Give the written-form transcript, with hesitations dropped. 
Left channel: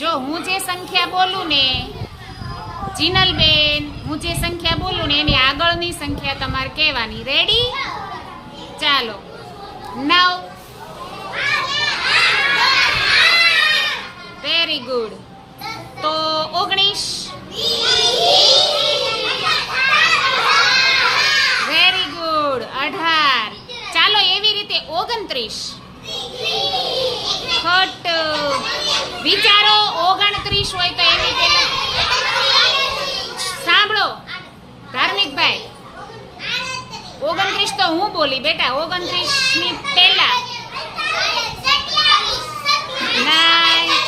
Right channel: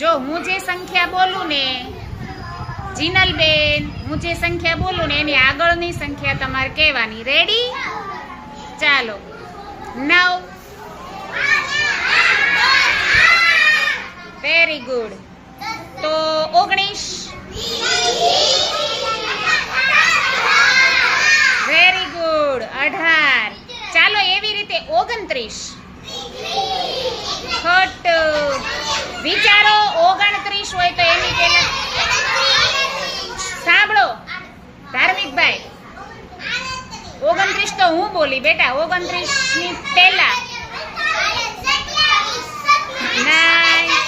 જો હું જે સંખ્યા બોલું ને જીનલબેન, હું જે સંખ્યા બોલું ને એની આગળની સંખ્યા તમારે કહેવાની. રેડી? ચાલો. 9. Very good. તો 19. Very good. 18. ચાલો એવી રીતે 29. ખોટું. વિચારો 29 હોય તો એની પહેલા સાંભળો ધાર્મિકભાઈ, 29 તો હું બોલી બેટા. 29 ની પહેલા 9